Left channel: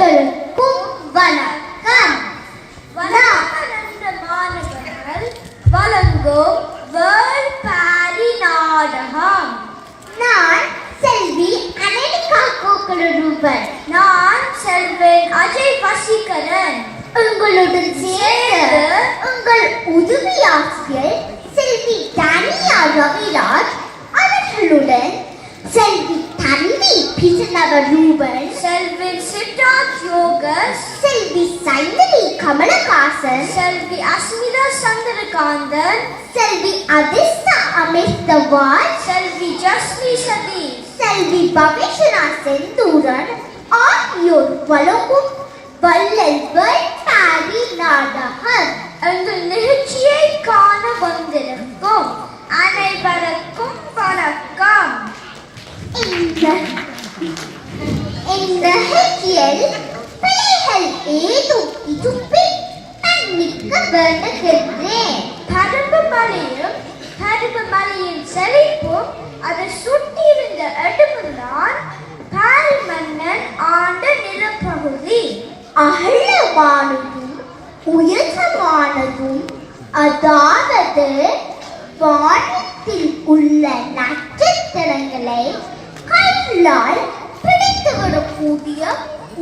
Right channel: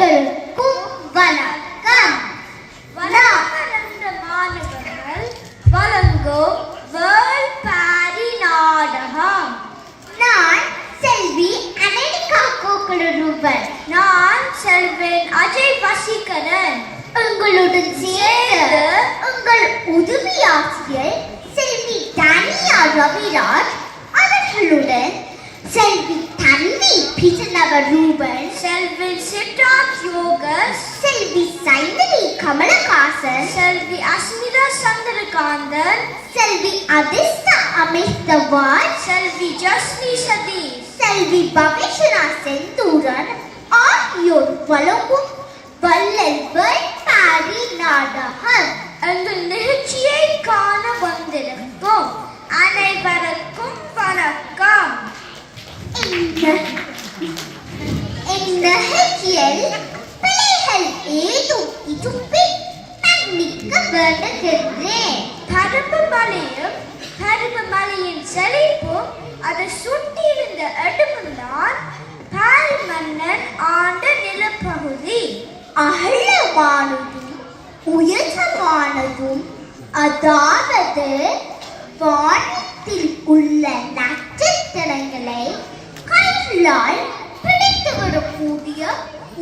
அனைவருக்கும் வணக்கம். மாணவர்கள் வழங்கும் வேர்ல்ட் பாரி நாடகம். நான் செல்வி அனலிகா கோகுலரூபன். நான் செல்வன் அஜய் வசீகரன். உங்களுடன் சேர்ந்து உங்கள் உதவியாசிரியர் செல்வி தானியா ரவிராஜ் அவர்களுடன் செல்வி தன்வி பிஜனவரூபன், செல்வி சித்தார்த் யோகஸ், செல்வி சைந்தவி கமலஹாசன், செல்வி அஸ்மிதா சந்திரகாந்தன், செல்வி அதிஸ்தா அமிர்தவால், செல்வி ஜஸ்மி சதீஷ், செல்வி பவிஷனா செந்தூரன் ஆகியோர் வழங்கும் வள்ளல் வேர்ல்ட் பாரி நாடகம். எங்கள் நிகழ்ச்சியை காண வந்திருக்கும் அனைவருக்கும் வணக்கம். இந்த நிகழ்ச்சியில் பிள்ளைகள் ஏதும் இதுவில் மன்னிக்க வேண்டுகின்றேன். கருப்பு மலையின் செழிப்பும் அதை சுற்றியிருந்த இடமும்தான் பாரி மன்னன் ஆண்ட நிலப்பகுதி. அகலமானதும் உயரமானதும், அதாவது வானத்தில் உள்ள நட்சத்திரங்களை கைகளால் பிடித்து வரக்கூடிய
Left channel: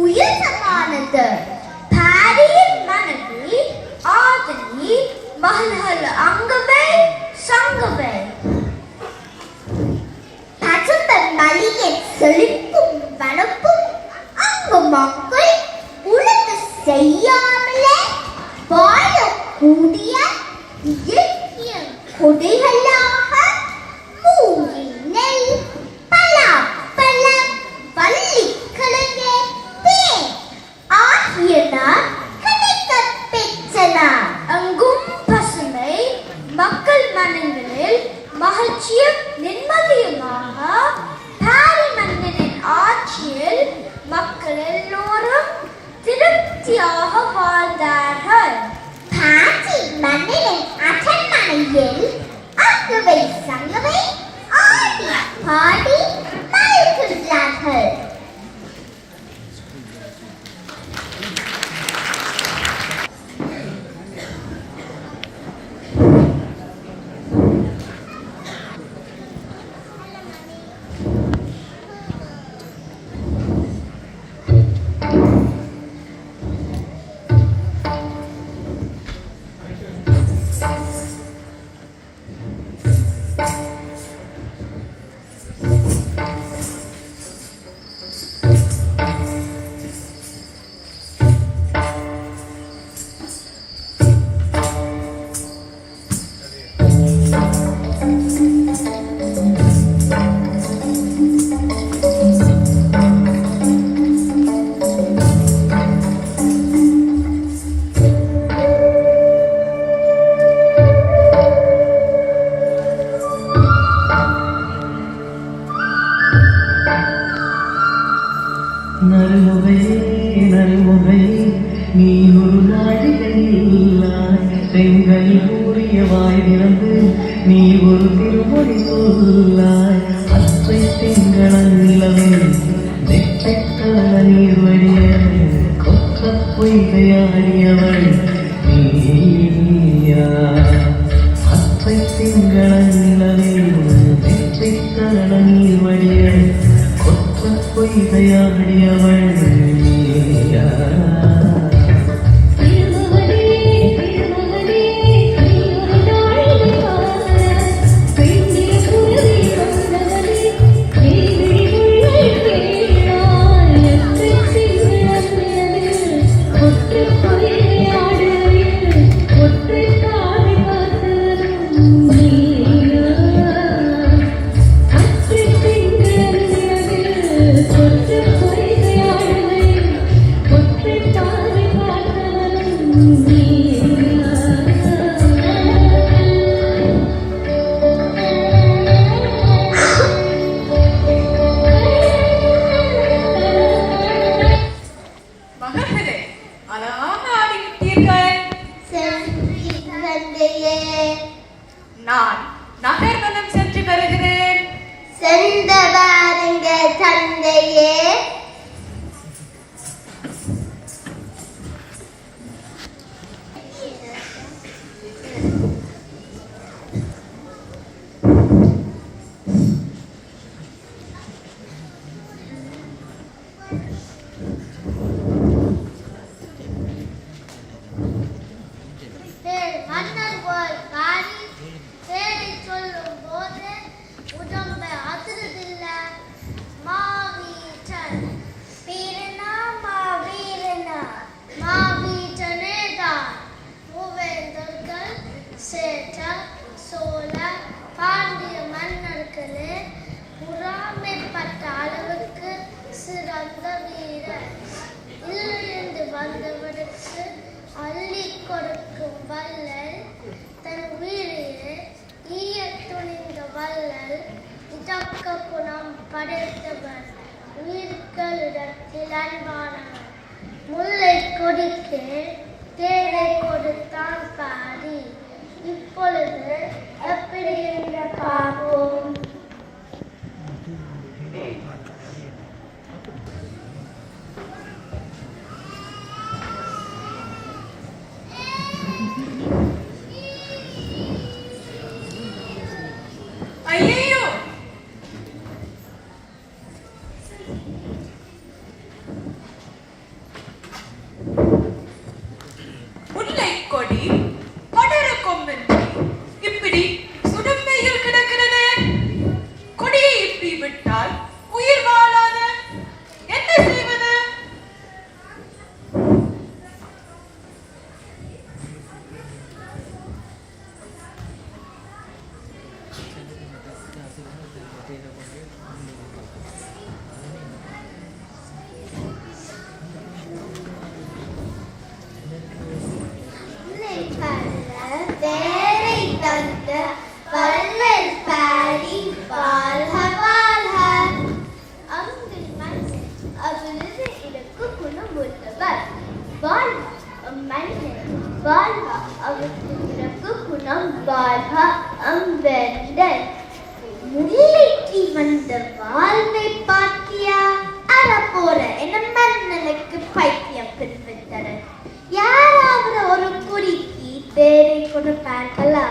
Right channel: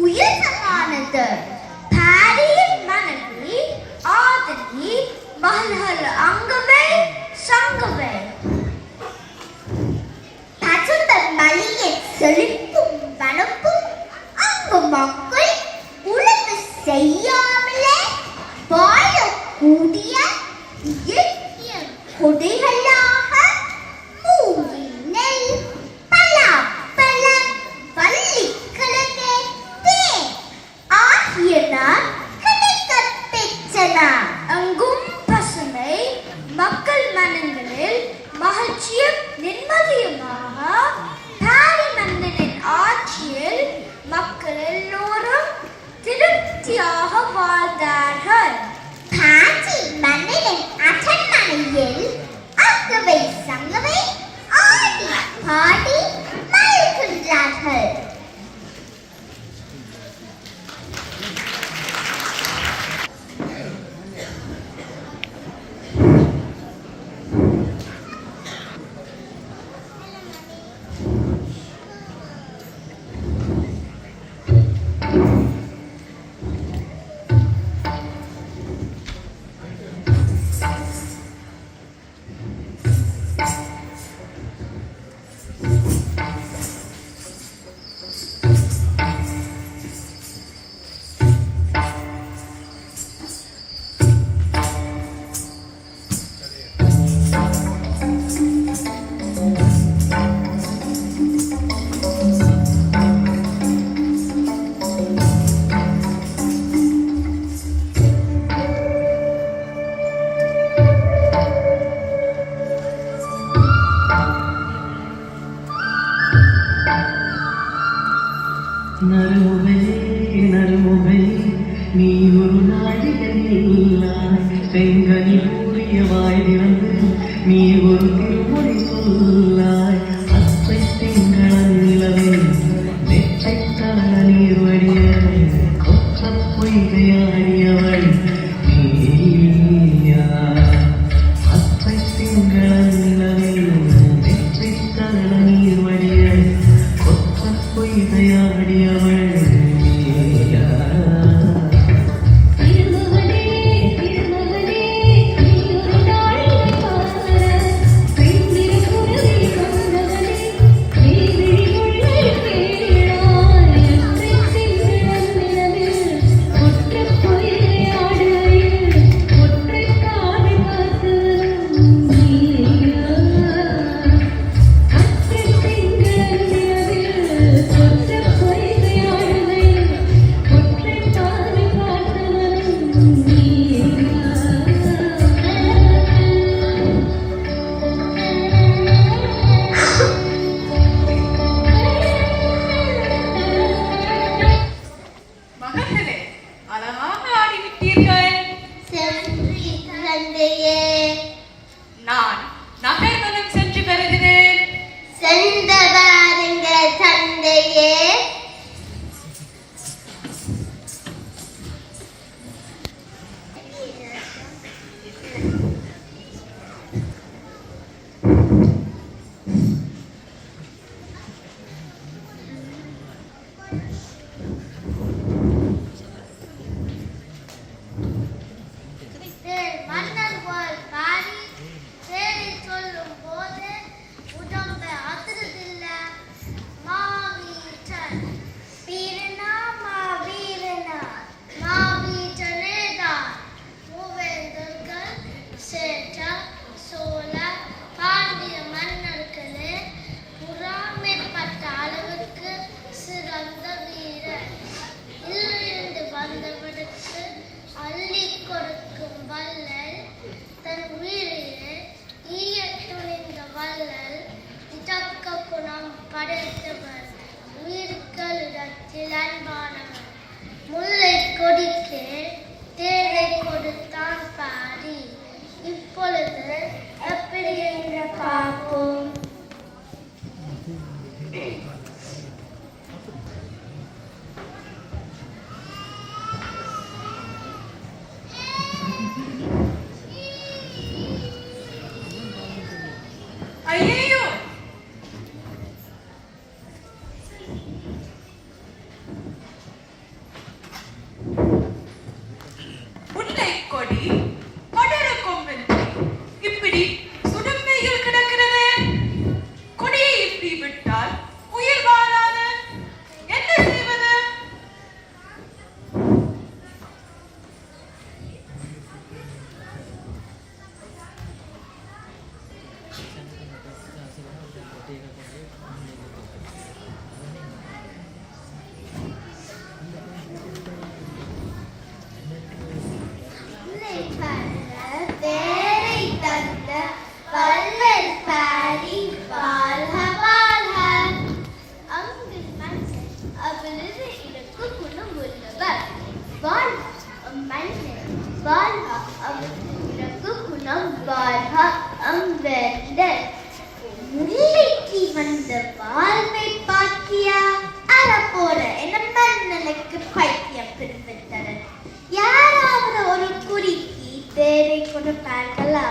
உயரமானது. பாரியின் மனைவி ஆதனி மகள்கள் அங்கவே சங்கவே. பசும்ப மலையை செழிப்பும் வனப்பும் அங்கு மக்கள் உழவு செய்யாமலே வாழக்கூடிய இயற்கை கொடைகளாக மூங்கி, நெல், பலாப்பழம், வள்ளிக்கிழங்கு, தேன் ஆகியன கிடைக்கப் பெற்றன. அங்கும் பசுமை, மக்கள் மனங்களில் மகிழ்ச்சியும் நிம்மதியுமாக பாரி மன்னனின் ஆட்சியில் மக்கள் எல்லோரும் திருப்தியாக வாழ்ந்தார்கள். பாரி மன்னனின் அரண்மனையில் அங்கவை சங்கவை ஆடி பாடி மகிழ்கின்றார்கள். நான் நகர்வனம் சென்று வருகிறேன். சென்ற வாருங்க தந்தையே. வீரனா மாவீரனா மாவீரனேதான் மூவேந்தர்கள் சேற்றல் சோழ பாண்டிய மன்னர்களே பொறாமைப்பட்ட அளவுக்கு சிறந்த வீரர். இருந்து வந்தவனுக்கு அள்ளி கொடுக்கும் வள்ளல், தன் உயிரையே ஈய துணிந்த வள்ளல், இதக்க குணம் படைத்தவர், உயிர்களிடத்தில் அன்பானவர். முல்லை கொடிக்கு தேரை கொடுத்தான் காடி. இப்பொழுது எப்படி என்று பார்ப்போம். ஐயையோ, முல்லை கொடி படர கொம்பின்றி இப்படி சுடுமையில் கிடக்கிறது. கொடியை இப்படி விட்டால் உயிர் வாழாத. என்ன செய்வது? தேரை தந்த வள்ளல் பாடி வாழ்க வாழ்க. அங்கு மண் அவளது இலக்கு குணம் உள்ளவர். வாழ்க மன்னன் வாழ்க அவளது இலக்கு குணம் வாழ்க அம்பெந்தர். முல்லைக்கு வந்த வாழ்வை பாக்கியா அறப்போற என மன்னனுக்கு பைத்தியம் பின்பற்றனர். யாராவது ஒரு குறிக்கு தேரை கொடுப்பார்களா?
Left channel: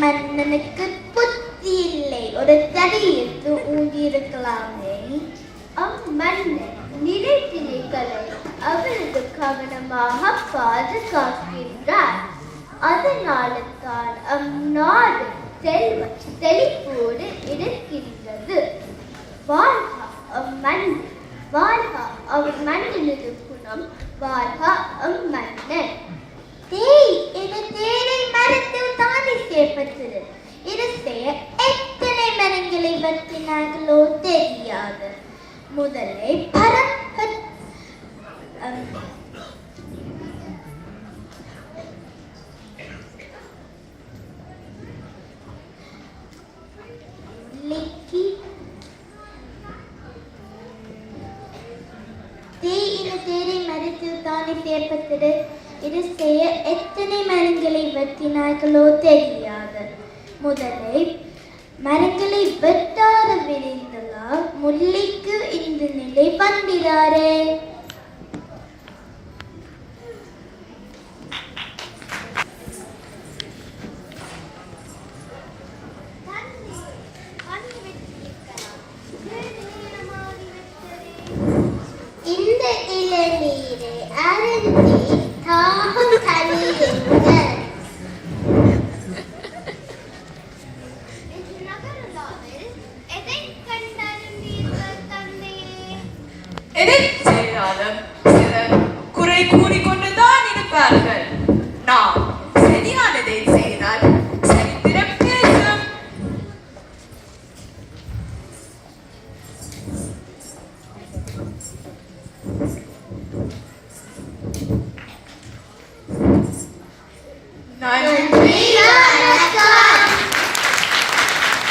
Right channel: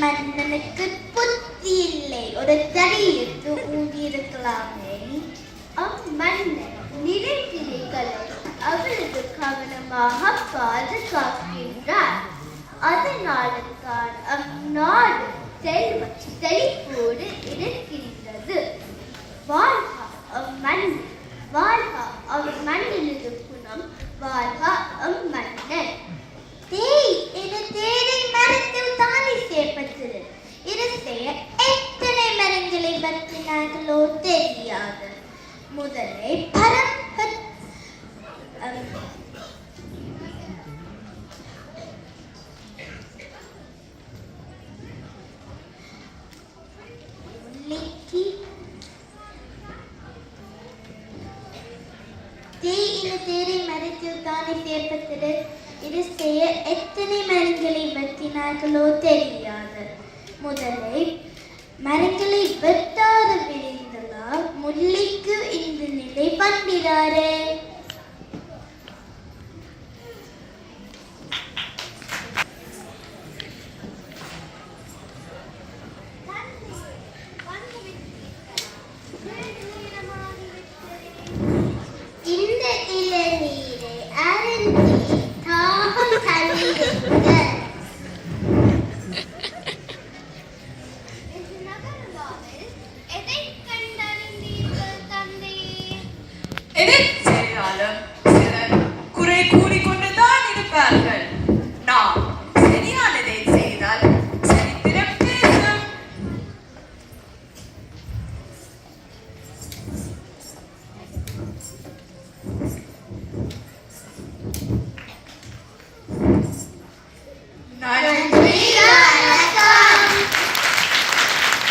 மன்னனுக்கு புத்தி இல்லை, ஒரு தடி எடுத்து ஊங்கியிருக்கலாமே. அம்மன்னன் நிலைத்திலைகளை அவரது கவனமாக பாதுகாக்கின்றார். அதனால தான் அந்நாடு செல்வ செழிப்போடு இருக்கின்றது. வாழ்க அம்மன்னன், வாழ்க அவர் மன்னனது குணம், வாழ்க அம்மன்னன். தேரை மரத்தில் தானே சேர்ப்பது. இது செய்ய எத்தனை மரங்களை வெட்டினார்களோ தெரியாது. முதலை தேரை மரத்தில் தானே சேர்ப்பது. இது செய்ய எத்தனை மரங்களை வெட்டினார்களோ தெரியாது. முதலை மரங்களை வெட்டாத விரைந்ததா முல்லைக்கு இந்த நிலை வந்திடாரே. இந்த இளநீரை அருந்தி தாகம் கழியுங்க. எதை செய்தாலும் சிலர் குறை கூறிக்கொண்டுதான் இருப்பார்கள். நாம் சரியானதை செய்தால் சரித்திரம் பேசும்.